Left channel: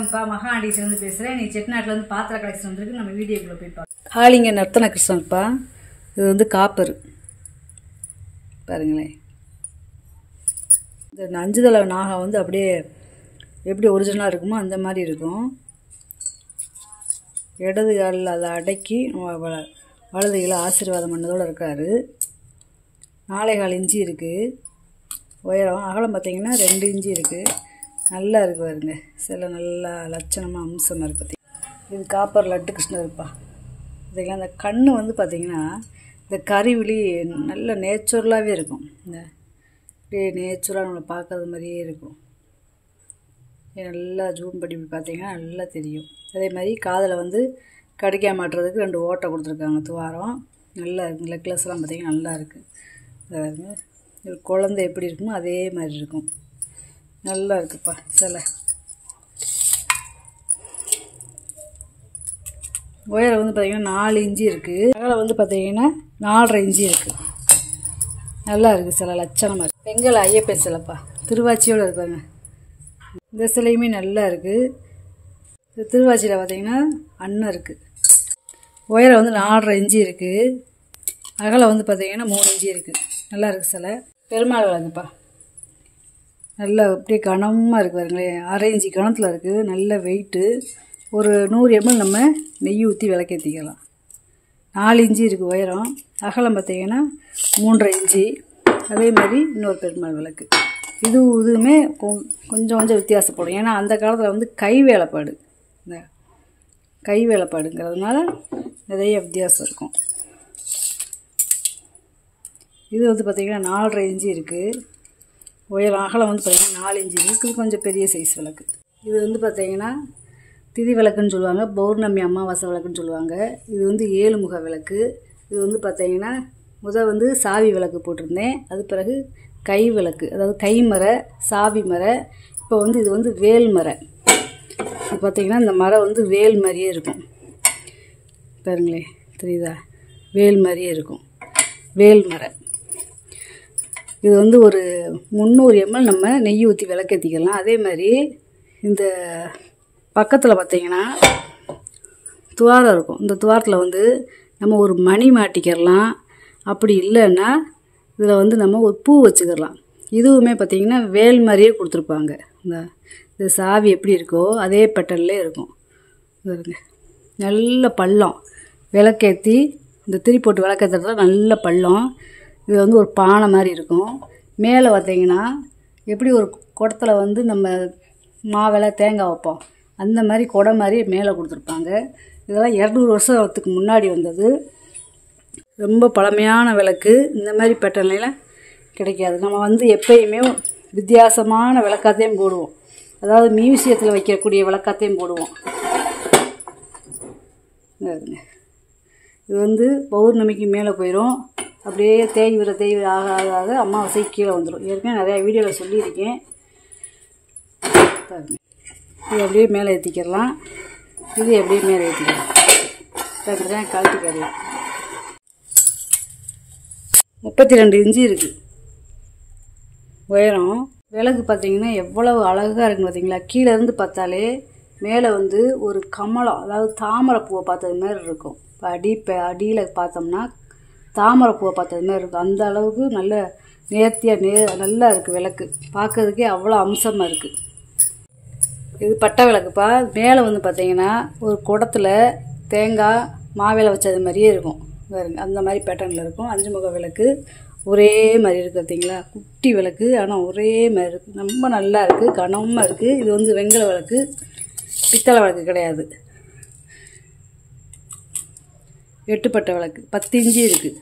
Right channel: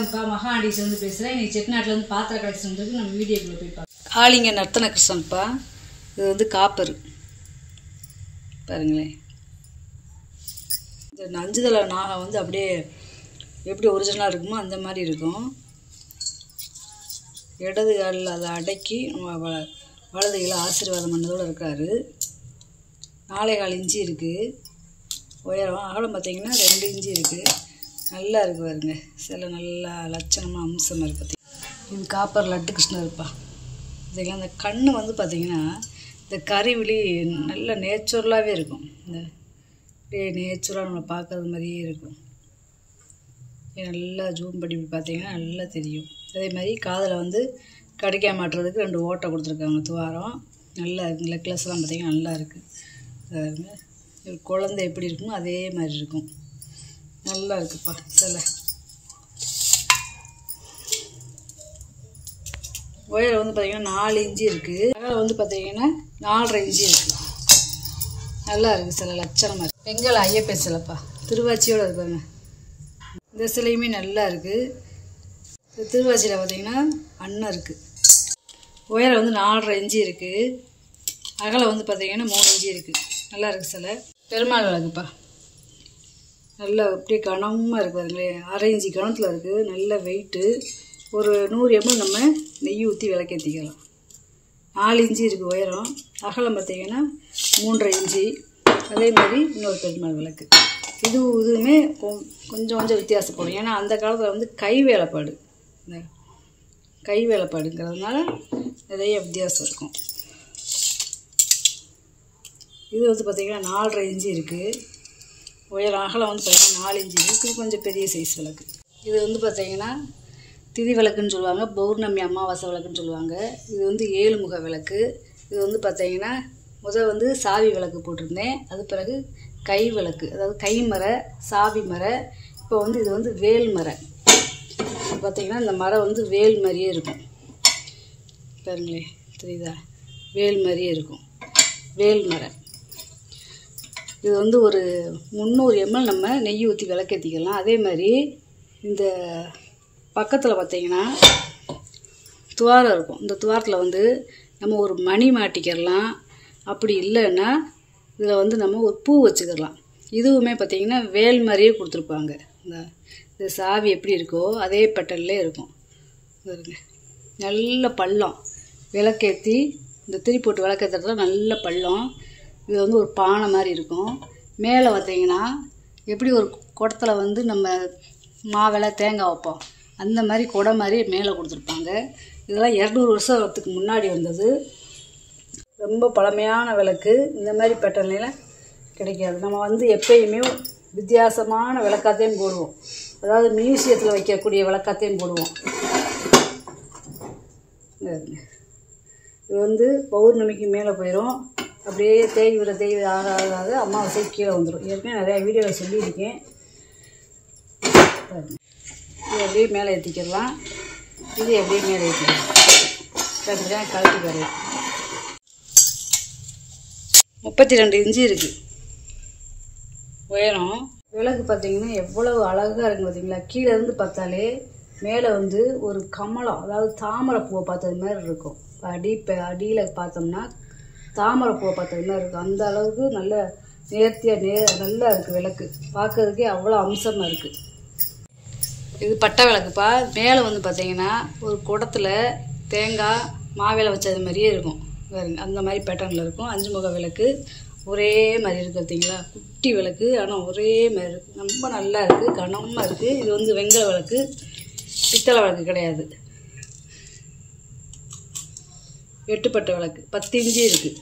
வணக்கம்ப்பா, மகாஆண்டிஸ்லேருந்து பேசுகிறேன். இன்னைக்கு செட்டிநாட்டிலேருந்து பாத்திர கலெக்ஷன் வந்துருக்கு. நம்ம வீடியோக்குள்ளே போய் பார்க்கலாம். காளிங்க நர்த்தன கிருஷ்ணன்ப்பா. இது வந்து காப்பர் பாருங்களேன். இந்த அஞ்சுதலை நாகம் வந்து அப்படியே எப்படி ஒரிஜினலாக இருக்குமோ அந்த மாதிரி இருக்கும். இடது காலில் அதை அடக்கி வலது கையில் ஆசீர்வாதம் பண்ணதோடு இருக்கார். 4.25 இன்ச்சு இருக்குது உயரம். அகலம் பார்த்திங்கன்னா 2 இன்ச்சு இருக்குது. நல்லா இருக்குது பாருங்க. சில நல்லா லட்சணமாக அம்சமாக இருக்குது. இது காப்பர் லட்டு கிருஷ்ணர் இருப்பா. இதுக்கெல்லாம் அந்த கண் வந்து பார்த்திங்கன்னா இந்த கறிவிழி நல்ல நேச்சுரலாகவே இருக்கும். இந்த அப்படியே நேச்சுரலாக நம்மளை பார்க்குறது மாதிரியே இருக்கும். நல்லா ஜூம் பண்ணி பார்த்திங்கன்னா நல்லா தெரியும். அதே மாதிரி காதில் வந்து கடிக்க மாட்டுறதுக்கு 2 ஓட்டை கொடுத்துருக்காங்க. துவாரம் நல்லா இருக்குது. நெக்லஸ்லாம் பார்த்திங்கன்னா நல்லா இருக்குது. குழந்தை எப்படி இருக்குமோ அதே மாதிரி இருக்கும். நல்லா இருக்குப்பா சிலை. உயரம் வந்து பார்த்திங்கன்னா 4 இன்ச்சு இருக்குது. அகலம் வந்து பார்த்திங்கன்னா 4.5 இன்ச்சு இருக்குது. நல்லா இருக்குது சிலை, லட்சணமாக இருக்குது. பெங்கல் ஐயப்பன் சிலைப்பா, திருவாச்சியோடு இருப்பாங்க. இந்த சிலையுமே நல்லா இருக்குது. இந்த திருவாச்சியில் பார்த்திங்கன்னா அண்ணன் இருக்குது. உயரம் வந்து 4.5 இன்ச்சு இருக்குது. அகலம் வந்து பார்த்திங்கன்னா 3 இன்ச்சு இருக்குது. நல்லா இருக்குது சிலை. பெருமாள் விளக்குப்பா, நல்லா அப்படியே கனமாக இருக்குது பாருங்களேன். 1/2 இன்ச்சு கணத்தில் இருக்குது. நல்ல வெயிட்டு. ஒரு 100 ml நம்ம நெய் ஊற்றி விளக்கேற்றிக்கலாம். 4 இன்ச்சு இருக்குது உயரம். அகலம் பார்த்திங்கன்னா 3.5 இன்ச்சு. அதே மாதிரி இன்னொரு பெருமாள் விளக்கு. இதுவுமே கொஞ்சம் வித்தியாசப்படும். ஏன்னா அந்த காலத்தில் வந்து கை வேலைப்பாடு, இந்த கை வேலைப்பாடுங்கிறதுனால நிறைய வித்தியாசம் இருக்கும். இது வந்து பார்த்திங்கன்னா 4.5 இன்ச்சு இருக்குது உயரம். அகலம் வந்து பார்த்திங்கன்னா 4 இன்ச்சு இருக்குது. கொஞ்சம் பெரிய சைஸ் விளக்கு. இது வந்து பார்த்திங்கன்னா திதி விளக்குன்னு சொல்லுவாங்க, பௌர்ணமி அமாவாசை விளக்குன்னு சொல்லுவாங்க. இது வந்து 7 முக விளக்கு. இது வந்து பார்த்திங்கன்னா வந்து சாவி விளக்கு போட்டிருந்தேன். அது பிறகு கை விளக்கு, அதாவது கை மரை, சாவி மரை. இப்போ வந்து இது வந்து வேல் மரை. பார்த்திங்கன்னா இந்த மரம் வந்து வேல் மாதிரியே இருக்கும் பாருங்களே, தெரியுதா? வேல் மாதிரியே இருக்கும், வேல் மரை. இது வந்து ஒரு 300 ml நம்ம நெய் ஊற்றி விளக்கேற்றிக்கலாம். அதே மாதிரி இந்த பக்கத்தில் பார்த்திங்கன்னா துவாரம் இருக்கும். இந்த துவாரத்தில் வந்து நம்ம ஒரு மணி மாட்டிக்கிறலாம். அப்படி இல்லைன்னா இதில் வந்து நம்ம ஒரு பூ வச்சுக்கிறலாம். இதுவுமே பார்த்திங்கன்னா வேல் மாதிரியே கொடுத்துருப்பாங்க. இந்த சாவி எப்படி இருக்கோ அதே பேட்டர்ன்லேயே இருக்கும். பாருங்க, நல்ல பள்ளம். விளக்கேற்றி இந்த திரி போட்டு விளக்கேற்றுறதுல நல்ல பள்ளம். இது வந்து ஒரு பானை மாதிரி இருக்கும். மேலே பார்த்திங்கன்னா எப்படி ஒரு குடத்தில் வந்து நம்ம மாவிளை தேங்காய் வைப்போம் அந்த மாதிரி குடை மாதிரி மேலே கொடுத்துருப்பாங்க. இதெல்லாம் 200 வருஷத்துக்கு முன்னாடி வந்தது. ரொம்ப பழமையான விளக்கு. இந்த மாதிரி பேட்டர்ன்லாம் கிடைக்காது. நம்ம வந்து எப்பயுமே வித்தியாசமான விளக்காத்தையும் போடுவோம். அதாவது மியூசியத்தில் வைக்கக்கூடிய விளக்காத்தையும் போடுவோம். இது வந்து பௌர்ணமிக்கு மேலே போயிடும். அப்படியே தேய்விர ஆக அமாவாசை கீழே வந்துடும். ஏற்கனவே நிறையா வீடியோவில் சொல்லியிருக்கேன். இது அப்படியே மேலே ஏற்றிக்கலாம். இது அப்படியே மேலே ஏற்றிக்கலாம். அப்படிதான் கழட்டி வரும். 32 இன்ச்சு இருக்குது உயரம். விளக்கு பார்த்திங்கன்னா எவ்வளவு அழகாக இருக்குன்னு பார்த்திங்களா? கீழே இருந்து பார்த்தாலே மேலே வந்து ஒரு கமலம், அதாவது தாமரை பூவை பார்த்தது மாதிரி இருக்கும். அடியில் பார்த்தோம்னா தாமரை பூவை பார்த்தது மாதிரி இருக்கும். அந்த அளவுக்கு நல்ல நேர்த்தியாக நல்லா இருக்குது விளக்கு. பார்க்கறதுக்கே அவ்வளோ அம்சமாக இருக்குது. இது பட்டை விளக்குப்பா. மேலே வந்து பார்த்திங்கன்னா ஒரு குடத்தில் தேங்காய் மாவிளை வச்சது மாதிரியே இருக்கும் பாருங்க. அந்த மாதிரி பேட்டர்னில் இருக்கும். 5 முக விளக்கு ஒரே மாதிரி இருக்குது பார்த்திங்களா? குட்டி விளக்கு, ஆனால் ஒரே மாதிரி இருக்குது. ரொம்ப நல்லா இருக்குது, கனமாக இருக்குது. இது வந்து வெங்கல விளக்கு, பித்தளை விளக்கு கிடையாது. 8 பட்டை விளக்கு, 10 இன்ச்சு இருக்குது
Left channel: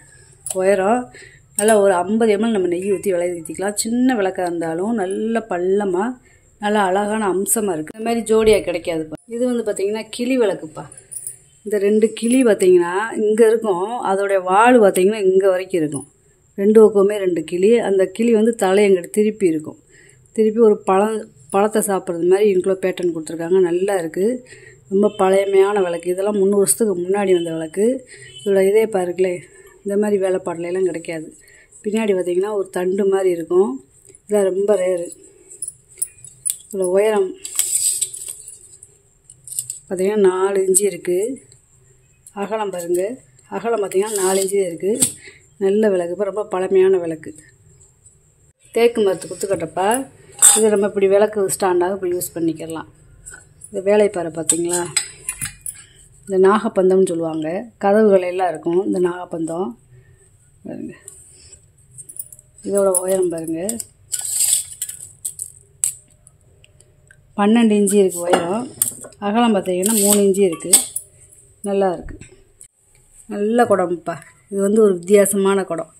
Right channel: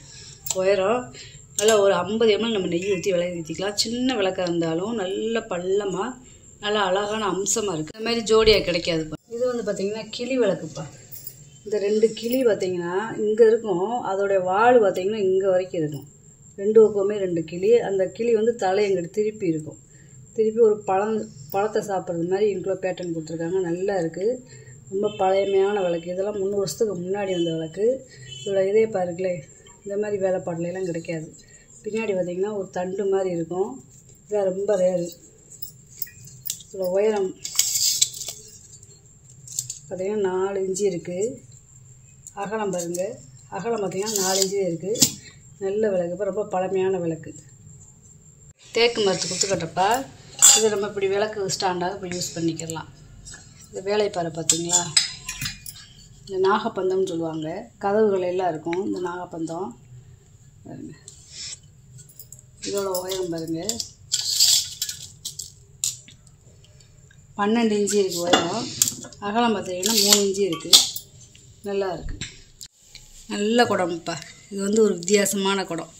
உயரம். நல்லா ஒரு 50 ml நம்ம நெய் ஊற்றி விளக்கேற்றிக்கலாம். சின்ன விளக்காக இருந்தாலும் நல்ல பள்ளமாக நல்லா அழகான அம்சமாக இருக்குது. இந்த மாதிரி ஜோடியாக கிடைக்காதுப்பா. இது வந்து பார்த்திங்கன்னா கிளி விளக்குப்பா. இந்த 2 கிளி பார்த்திங்கன்னா இங்கே இருக்கும். அதோடைய வால் பார்த்திங்கன்னா இங்கே வரைக்கும் இருக்கும். 2 பக்கமே 2 கிளி. அந்த கிளி வந்து தலையங்கிட்ட திருப்பி இருக்கும். திருப்பி ஒரு பழத்தை சாப்பிட்றது மாதிரி இவ்வளோ பேட்டர்ன் கொடுத்துருக்காங்க. நல்லா இருக்குது. ரொம்ப பழமையான விளக்கு. இதெல்லாம் 300 வருஷத்துக்கு முன்னாடி வந்த விளக்கு. இதோட இதே பாருங்களே, இந்த மாதிரி வேலைப்பாடுலாம் கிடைக்காது. பின்னாடி பார்த்திங்கன்னா ஒரு தண்டு மாதிரி இருக்கும். இதெல்லாம் ரொம்ப ரேரு. இதில் உயரம் பார்த்திங்கன்னா 4 இன்ச்சு இருக்குது. அகலம் பாருங்கள், அகலம் பார்த்திங்கன்னா 4 இன்ச்சு இருக்குது. நல்ல விளக்கு, இப்போ ரொம்ப பழமையான விளக்கு. தேக்கு மரத்து குத்துக்கட்டப்பா. இதை நம்ம இப்படி விளக்கு ஸ்டாண்டாக இப்போ யூஸ் பண்ணிக்கலாம். இந்த வேலைப்பாறை பார்த்திங்களா, இந்த நாகப்பந்தம்னு சொல்லுவாங்க. கதவுகள் எல்லாம் இருக்கும் இந்த நாகப்பந்தம் பாருங்க. இதோட உயரம் பாருங்கள் 12 இன்ச்சு இருக்குது உயரம். அகலம் பார்த்திங்கன்னா 3 இன்ச்சு இருக்குது. நல்லா இருக்குது, நல்ல குடம்ப்பா. இது வந்து ஒரு வித்தியாசமான குடம்.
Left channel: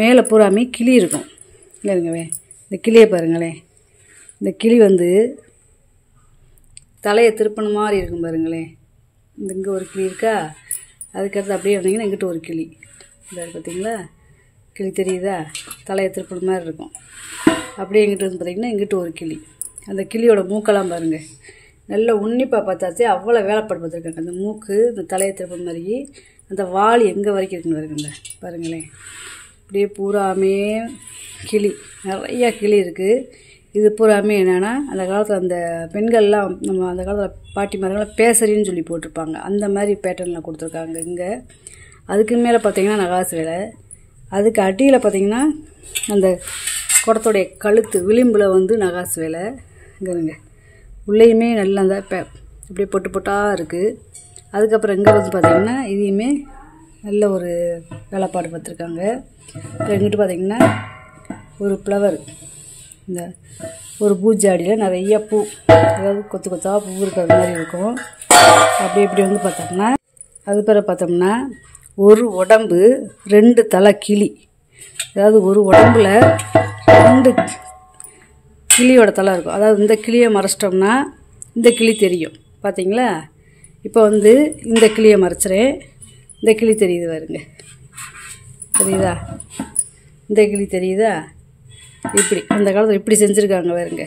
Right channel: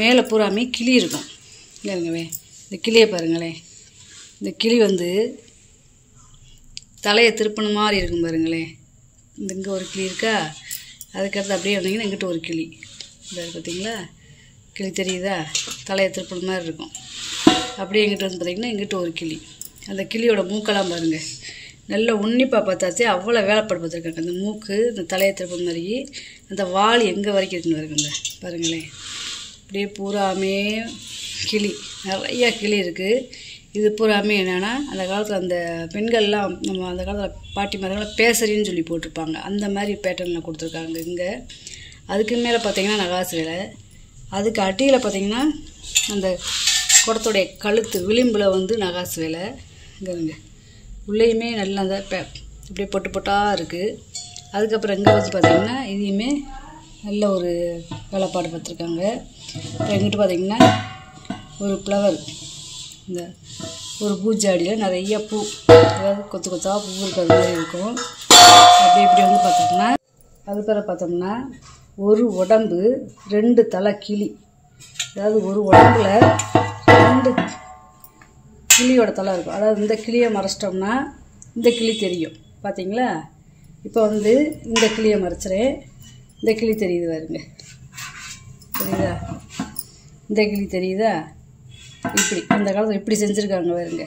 மேலே பூராமே கிளி இருக்கும் இல்லைங்கவே. இந்த கிளியை பாருங்களேன், இந்த கிளி வந்து தலையை திருப்பின மாதிரி இருக்கும் பாருங்களேன். இங்கே ஒரு கிளி இருக்கா, அதுக்கடுத்து அப்படியே வந்தீங்கன்னா இங்கிட்ட ஒரு கிளி இந்த பார்த்தீங்களா, கிளி தெரியுதா, தலையை திருப்பின மாதிரி இருக்கும். அப்படியே இங்கிட்ட வந்து பார்த்திங்கன்னா இங்கிட்ட ஒரு கிளி. அந்த கிளியோட மூக்கெல்லாம் பாருங்கள், நல்ல உன்னிப்பாக பார்த்தாச்சு அவ்வளோ வேலைப்பாடு பார்த்துருக்காங்க. அந்த மூக்கு, இந்த தலையை திருப்பின மாதிரி, அந்த வால் எங்கே வரைக்கும் இருக்குன்னு பாருங்க பாருங்களேன். அப்படியே பூராமே கிளி, நிறையா கிளி இருக்குது. இது பூராமே என்னென்னா, அந்த காலத்தில் அந்த பெண்கள்லாம் நம்ம அந்த காலத்தில் பாட்டி மாதிரிலாம் பேசரின்னு சொல்லி போட்டிருப்பாங்க. அந்த மாதிரி பேட்டர்னில் கொடுத்துருக்காங்க இங்கே. அதுக்கு மேலே பார்த்திங்கன்னா நகாசு வேலை. அதுக்கு அடியில் பார்த்திங்கன்னா அந்த குடத்துடைய கழுத்து விளிம்பில் வந்து நகாசு வேலை. இங்கேங்க உள்ளேயுமே நல்ல அந்த இப்படி பொட்டு பொட்டாக இருக்குது. அதுக்கப்புறம் இங்கே வந்து பார்த்திங்கன்னா இதையுமே நல்ல ஒரு வேலைப்பாடு பார்த்துருக்காங்க. அப்புறம் எங்கிட்ட பார்த்திங்கன்னா ஒரு ஃப்ளவர், இந்த ஒரு பூஜாடியில் நிறைய பூ, அதாவது கொத்து கொத்தாக பூ இருக்கிற மாதிரி இருக்கும். அப்படி இப்படி வந்து பார்த்தோம்னா அது பிறகு பார்த்தோம்னா ஒரு உடம்பு 2 தலை கிளி. அதாவது ஒரு உடம்புல 2 கிளியோட தலை இருக்கும். அதாவது இந்த கிளியை மறைச்சிட்டோம்னா இந்த கிளி தெரியும் பார்த்தீங்களா. இப்போ வந்து இந்த கிளியை மறைச்சிறேன், இந்த கிளி தெரியுது பாருங்க, தெரியுதா, இந்த கிளி தெரியுதா. இப்படி அந்த காலத்தில் இப்படி செஞ்சுருக்காங்க பாருங்க.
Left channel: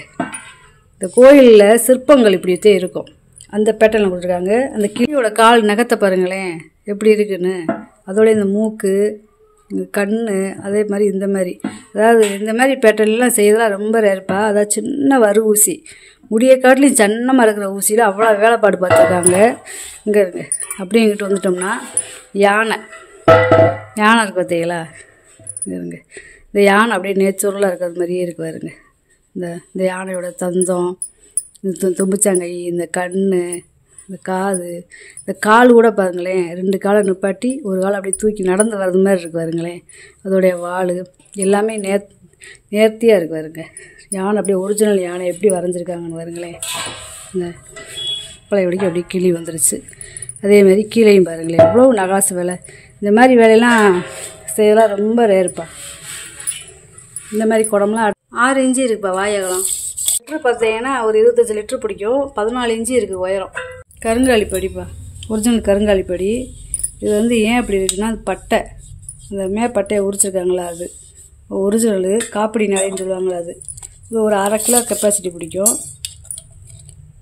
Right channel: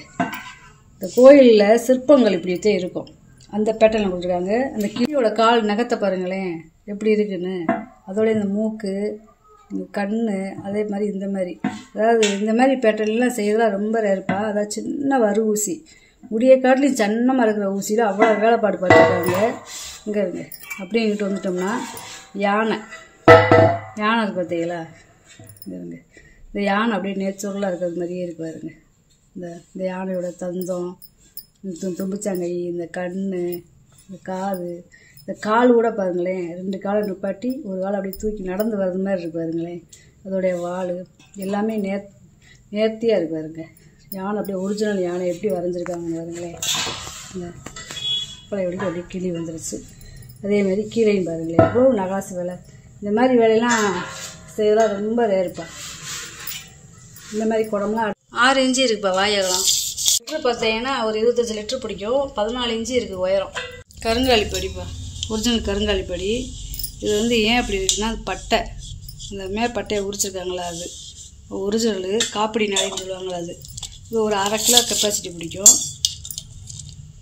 இந்த கோயிலில் சிற்பங்கள் இப்படியே இருக்கும், அந்த பேட்டர்னில் கொடுத்துருக்காங்க. அந்த கிளியோட கால் நகத்தை பாருங்களேன் எப்படி இருக்குன்னு. அதோட இந்த மூக்கு, இந்த கண், அதே மாதிரி இந்த மாதிரி, அதாவது இந்த மாதிரி பேட்டர்ன்லாம் செய்யறதுலாம் ரொம்ப ரேர்ப்பா. அதாவது சின்ன வரு ஊசி, முடியை காட்டிலையும் சன்னமாக இருக்கிற ஊசியில் அவ்வளோ வேலைப்பாடு பார்த்துருக்காங்க. இங்கே இருங்க, அப்படியே இங்கிட்டு வந்துட்டோம்னா யானை இருக்குது பார்த்தீங்களா. இங்கே இருங்க, இந்த யானை அப்படியே நேச்சுரலாக இருக்கிறது மாதிரியே இருக்கு பாருங்க. இந்த யானையோட தந்தம், இந்த தும்பிச்சாங்கை, இந்த கண், இந்த காது, இந்த கால் கூட பாருங்களேன் 2 காலை நிப்பாட்டி ஒரு காலை அப்படியே தூக்கி நடந்து வர்றது மாதிரி இருக்குது பாருங்களேன். அதோடைய வால் எல்லாமே நேர்த்தியாக இருக்குது பாருங்க. யானை அப்படியே ஒரிஜினல் யானை எப்படி வரைஞ்சிருக்காங்கன்னு பாருங்களேன். இந்த பழைய வடிக்கு அப்படியே கிளி வந்துருச்சு. அதேமாதிரி கீழையும் பாருங்களேன் எவ்வளோ நகாசு வேலை. இந்த மாதிரி வேலையெல்லாம் செய்யலாம் ரொம்ப ரேர்ப்பா. இந்த மாதிரி குடம்லாம் 6 இன்ச்சு இருக்குப்பா வாயகம். லிட்ரு பார்த்தீங்கன்னா ஒரு 25 லிட்ரு பிடிக்கும். 14 இன்ச்சு இருக்குது உயரம். கருங்காலி படிப்பா, ஒரிஜினல் கருங்காலி படி. இது வந்து ஏன் அப்படி இருக்குன்னா, அது பட்டை, இந்த மேற்பட்டையை உரிச்சிருக்காங்களா, அது ஒரிஜினலு காப்பிடி நடைன்னு சொல்லுவாங்களா. அது இது ஒரு 1/2 கிலோ கெப்பாசிட்டி பிடிக்கும்.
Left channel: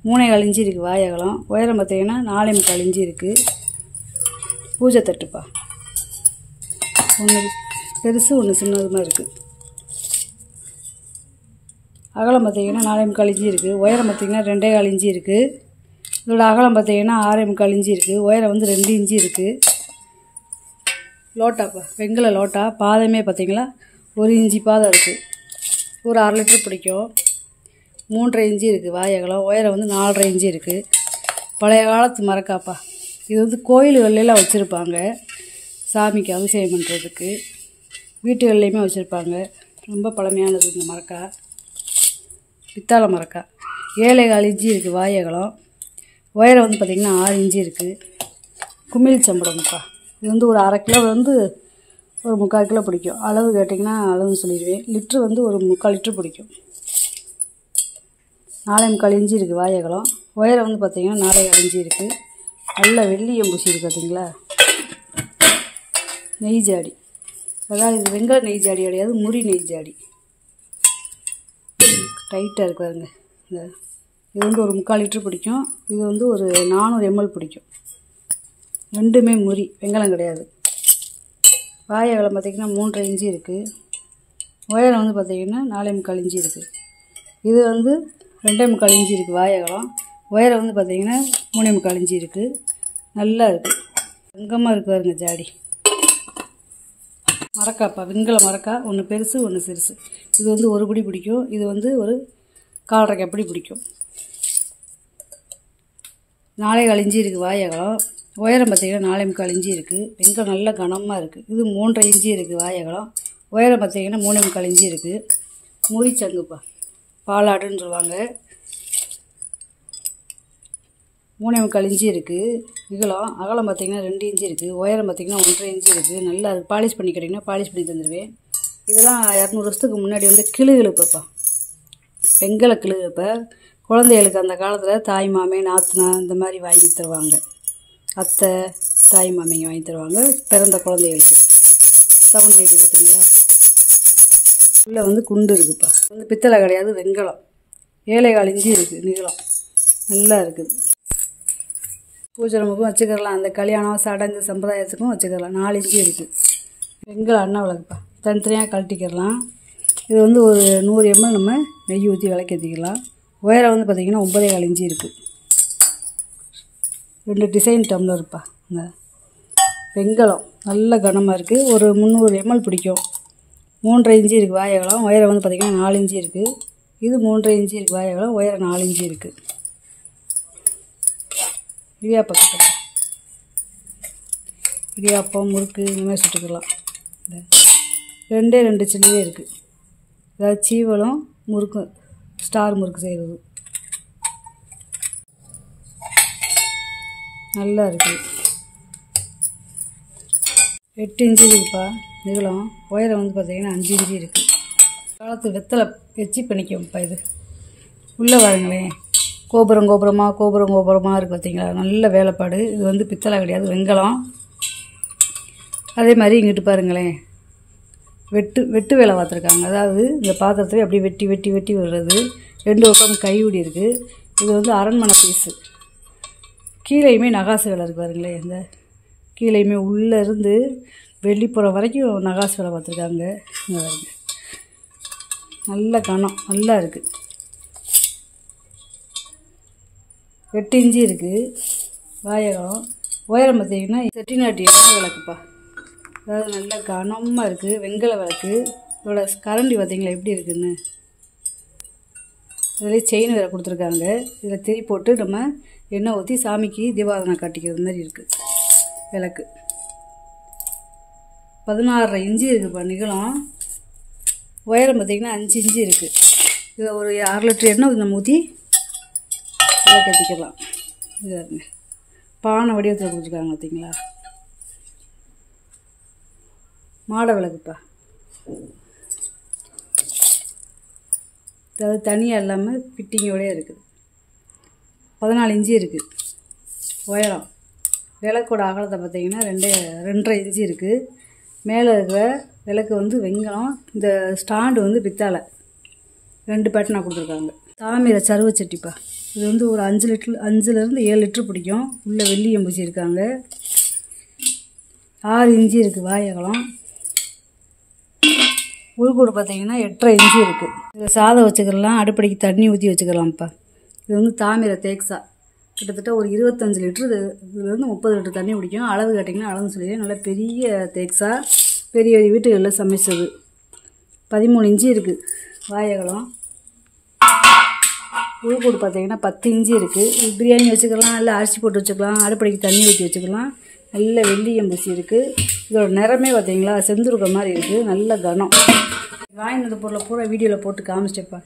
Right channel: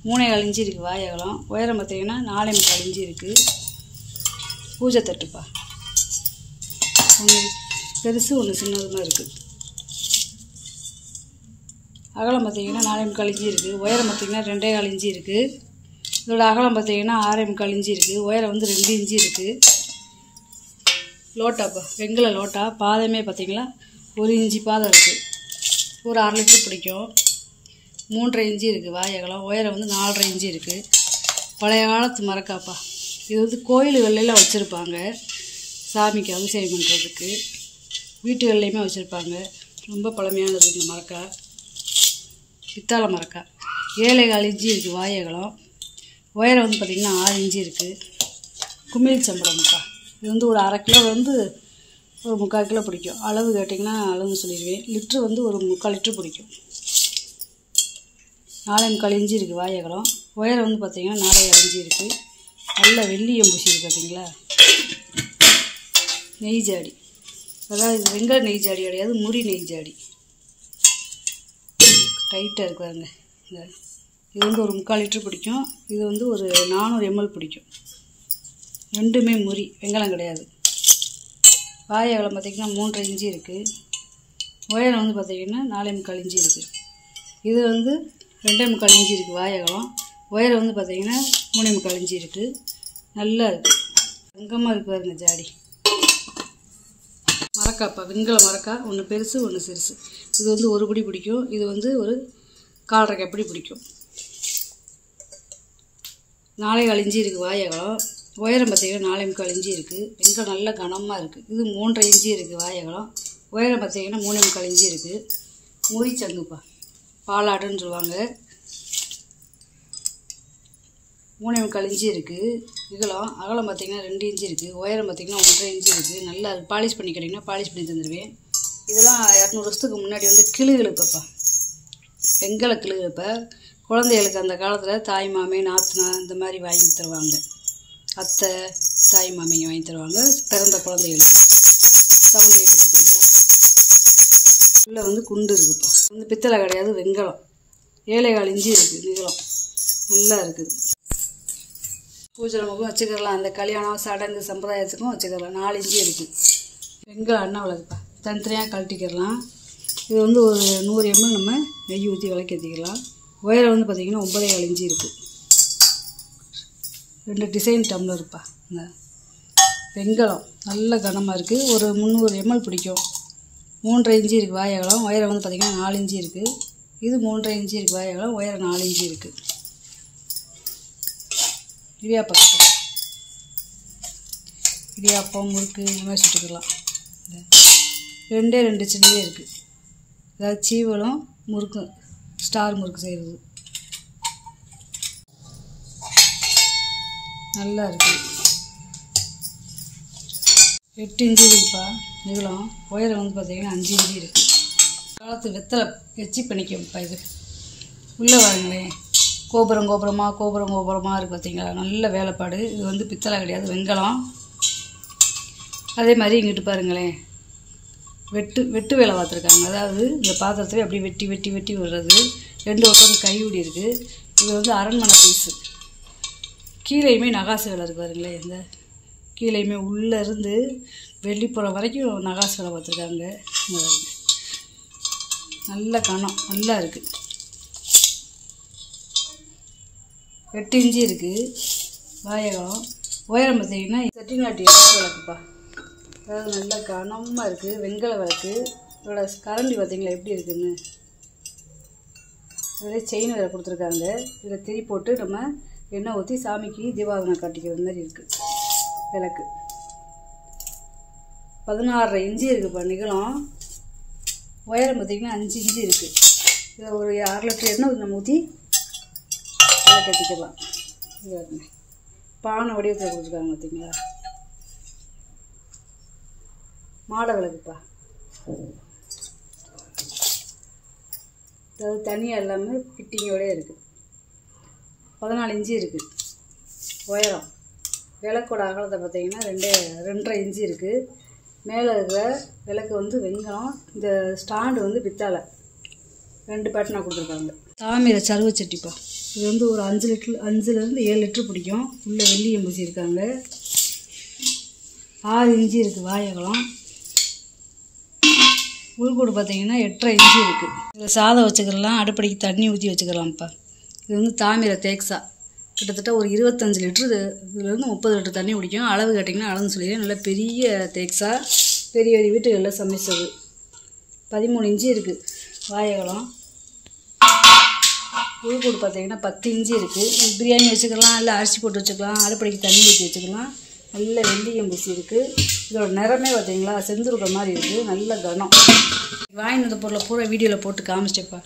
3,4 இன்ச்சு இருக்குது வாயகலம். உயரம் பார்த்தீங்கன்னா 4,4 இன்ச்சு இருக்குது. பூஜை தட்டுப்பா, ஒன்று பெருசு ஒன்று சின்னதுமாக இருக்குது. அகலம் பார்த்திங்கன்னா 4,4 இன்ச்சு இருக்குது. உயரம் பார்த்திங்கன்னா 2,4 இன்ச்சு இருக்குது. இதோட அகலம் பார்த்திங்கன்னா 6,4 இன்ச்சு இருக்குது. உயரம் வந்து 2 இன்ச்சு இருக்குது. லோட்டாப்பா, வெங்கல லோட்டா. பாதமே பார்த்திங்களா 1 இன்ச்சு பாதம் இருக்குது. ஒரு 1/2 லிட்ரு பிடிக்கும். 3,5 இன்ச்சு இருக்குது வாயகலம். உயரம் வந்து 4,5 இன்ச்சு இருக்குது. பழைய காலத்து மரக்காப்பா. இது வந்து கோயில்கள்லாம் வச்சுருப்பாங்க, சாமிக்கு அபிஷேகம் பண்ணுறதுக்கு. வீட்டுகள்லேயுமே வச்சுருப்பாங்க. ரொம்ப பழமையானது இந்த மரக்கா, பித்தாளை மரக்கா. 7,4 இன்ச்சு இருக்குது வாயகலம். உயரம் வந்து பார்த்திங்கன்னா 6 இன்ச்சு இருக்குது. குமிழ் சம்பளம்ப்பா. இது வந்து ஒரு 1/2 கிலோ வந்து ஒரு 3/4 கிலோ பிடிக்கும். அளவு கேட்டிங்கன்னா அளவு சொல்லிடுவேன். லிட்ரு வந்து ஒரு 3/4 லிட்ரு பிடிக்கும். 4,4 இன்ச்சு இருக்குது வாயகலம். உயரம் வந்து பார்த்திங்கன்னா 4,4 இன்ச்சு இருக்குது. நல்ல வெள்ளியம் பூசி இருக்குது பார்த்தீங்களா. நெய் ஜாடி, அதாவது இது வெங்காய நெய் ஜாடி கிடையாது, முறி நெய் ஜாடி. டைட்டாக இருக்குதுங்க. இது வந்து ஒரு 3/4 லிட்ரு பிடிக்கும். இது வந்து ஒரு 400 ml பிடிக்கும். ரெண்டுமே முறி, வெங்காயம் கிடையாது. வாயகலம் பார்த்திங்கன்னா 3,5 இன்ச்சு இருக்குது. உயரம் வந்து பார்த்திங்கன்னா 4,4 இன்ச்சு இருக்குது. இது வந்து 2,4 இன்ச்சு இருக்குது வாயகலம். உயரம் வந்து பார்த்திங்கன்னா 3.25 இன்ச்சு இருக்குது. நல்லா இருக்குது, தங்கமாக இருக்குது பாருங்க ஜாடி. மரக்காப்பா, வெங்கல மரக்கா, ஒன்று பெருசு ஒன்று சிறுசு. இது வந்து ஒரு பிடி பிடிக்கும், இது வந்து ஒரு 1/4 கப்படி பிடிக்கும். 4.25 இன்ச்சு இருக்குது வாய் அகலம். உயரம் பார்த்திங்கன்னா 4.25 இன்ச்சு இருக்குது. வெங்கலம் நல்ல கனமாக இருக்குது. இது 3.5 இன்ச்சு இருக்குது வாய் அகலம். உயரம் பார்த்திங்கன்னா 3.25 இன்ச்சு இருக்குது. முறிச்சங்குப்பா, பாலாடுன்னு சொல்லுவாங்க. 3.25 இன்ச்சு இருக்குது இகலம். அகலம் பார்த்திங்கன்னா 2 இன்ச்சு இருக்குது. உயரம் பார்த்திங்கன்னா 1.5 இன்ச்சு இருக்குது. நல்லா பாலிஷ் பண்ணி கிடைக்குன்னா பாலிஷ் பண்ணி தந்துடுவேன். இதெல்லாம் 200 வருஷத்துக்கு முன்னாடி வந்து கிளுகிழப்பப்பா, வெங்கல கிளுகிழப்பை குழந்தைகளுக்கு அந்த காலத்தில் தாய் மாமே நாத்தனா இந்த மாதிரி வாங்கி தருவாங்க. அத்தை தாய் மாமிங்க வாங்கி தருவாங்க பிறந்த குழந்தைகளுக்கு. சவுண்ட் கேட்குது பார்த்தீங்களா? உள்ளே வந்து குண்டு இருக்குப்பா. வந்து பித்தளை கிடையாது, வெங்கலம். 7.25 இன்ச்சு இருக்குது நீளம். நல்லா இருக்குது. பூஜை ரூமுக்கும் வச்சுக்கலாம், அந்த கல்யாணம் சடங்கு சம்பிரதாயத்துக்கும் வச்சுக்கலாம். 4 இன்ச்சு இருக்குது. வெங்கலம் அண்ணா விளக்குப்பா, தனித்தனியாக கழட்டிக்கிடலாம். இது வந்து ஒரு 100 ml நம்ம நெய் ஊற்றி விளக்கேற்றிக்கலாம். உயரம் வந்து பார்த்திங்கன்னா 9.25 இன்ச்சு இருக்குது. 2 டிசைன் டம்ளர்ப்பா. இந்த வெங்கலம் நல்ல கனமாக இருக்குது. ஒரு 300 ml பிடிக்கும். 3.5 இன்ச்சு இருக்குது வாய் அகலம். உயரம் வந்து பார்த்திங்கன்னா 4 இன்ச்சு இருக்குது. இது 3.5 இன்ச்சு இருக்குது வாய் அகலம். உயரம் 4 இன்ச்சு இருக்குது. இடியாப்பம், இடியாப்பம் முறுக்கு இந்த மாதிரி சுட்டுக்கலாம். இந்த 2 சின்னதே இருக்குது. அதாவது சீவலும் முறுக்கு, ஸ்டார் முறுக்கு செய்கிறது நல்லா இருக்குது. 8 இன்ச்சு இருக்குப்பா நீளம். உயரம் வந்து பார்த்திங்கன்னா 5 இன்ச்சு இருக்குது. காலத்து வெத்தலை வச்சு பண்ணிக்கோப்பா. இது உள்ளே பாருங்களேன், கோபுரமாக இருக்குது பார்த்தீங்களா? நல்ல வேலைப்பாடு. இது வந்து பித்தளை கிடையாது, வெங்கலம். அதே மாதிரி இங்கிட்டு பாருங்களேன், வெட்டு வேலை பார்த்துருக்காங்க. அதாவது இந்த பாத்திரத்தில் அப்படியே வெட்டி விடுறது. 2 பக்கம் கைவிடி இருக்குது. இது வந்து அரண்மனை பீஸு. கீழேயுமே நகாசு வேலை இருக்குது பாருங்களேன். இந்த கீழேயுமே உள்ளே இருந்து வெளிப்புறம் வரைக்கும் நகாசு வேலை பார்த்துருக்காங்க. நல்ல கனம் நல்லா இருக்குது. 8 இன்ச்சு இருக்குது வாயகம். உயரம் பார்த்திங்கன்னா செட்டிநாட்டி விளக்குப்பா. அதாவது நல்ல கனமாக இருக்குது, வெங்கல விளக்கு. இதோட கரண்டி பார்த்திங்களா எப்படி இருக்குதுன்னு. அதில் செயின் வேறு கொடுத்துருக்காங்க. இதில் திரி போட்டு நம்ம எண்ணெய் ஊற்றி சாமிக்கு தீபாவளி காட்டிக்கிறது மாதிரி இருக்குது விளக்கு. 16.5 இன்ச்சு இருக்குதுப்பா நீளம். உயரம் பார்த்திங்கன்னா 5 இன்ச்சு இருக்குது. இதில் ஒரு 1/2 லிட்டர் எண்ணெய் நம்ம ஊற்றி கட்டிக்கலாம். இது பானை வடிவத்தில் கொடுத்துருக்காங்க பார்த்தீங்களா? மாட விளக்குப்பா. அதாவது தனியாக இல்லாமல் ஃபிட்டிங்கோடய இருக்குது. 14 இன்ச்சு இருக்குது உயரம். விளக்கோட அகலத்தை பார்த்திங்கன்னா 2.5 இன்ச்சு இருக்குது. மேலே இருக்கிற விளக்கு வந்து வெங்கலம். இந்த ஸ்டாண்டு வந்து பித்தாளை. 2 பேட்டனாக கொடுத்துருக்காங்க. தாமிர சருவச்சட்டிப்பா. இது வந்து ஒரு 5லேருந்து 7 லிட்டர் பிடிக்கும். உள்ளே வெள்ளியம் பூசியிருக்காங்க. 6 இன்ச்சு இருக்குது வாய் அகலம். உள்கூடு பார்த்திங்கன்னா 8.5 இன்ச்சு இருக்குது. இதில் சாதம் வச்சுக்கலாம், அடுப்படிக்கு தண்ணி ஊற்றி வச்சுக்கலாம்ப்பா. இது வந்து தாமிர தேக்ஸா. கிட்டத்தட்ட ஒரு 25 லிட்டரு, இதுலேருந்து 30 லிட்டர் தண்ணி பிடிக்கும். அளவு கேட்டிங்கன்னா அளவுன்னு சொல்லிடுறேன். நல்லா பெரிய தேக்ஸா, பெரிய வீட்டுகளில் சமைச்சது. 13 இன்ச்சு இருக்குது வாயகலம். உள்கூடு பார்த்திங்கன்னா 10 இன்ச்சு இருக்குது. பிரியாணி வச்சுக்கலாம், இல்லை அரிசி போட்டு வச்சுக்கலாம், அடுப்படிக்கு தண்ணி ஊற்றி வச்சுக்கலாம். நல்ல வெள்ளியம் பூசி இருக்குது. இதோட நிறமே பார்த்திங்களா செந்துருக்க மாதிரி இருக்குது. நல்ல கனம். வாங்கினது பொருளை பூரா வீடியோவில் போட்டு காமிச்சிட்டப்பா.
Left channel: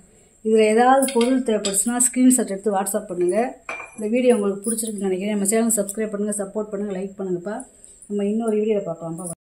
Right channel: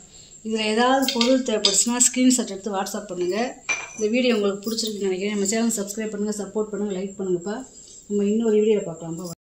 இதில் ஏதாவது பொருள் தேவைப்படுச்சுன்னா ஸ்க்ரீன்ஷாட் எடுத்து வாட்ஸ்அப் பண்ணுங்கள். இந்த வீடியோ உங்களுக்கு பிடிச்சிருக்குன்னு நினைக்கிறேன். நம்ம சேனல் சப்ஸ்கிரைப் பண்ணுங்கள், சப்போர்ட் பண்ணுங்கள், லைக் பண்ணுங்கப்பா. நம்ம இன்னொரு வீடியோவில் பார்க்கலாம்ப்பா.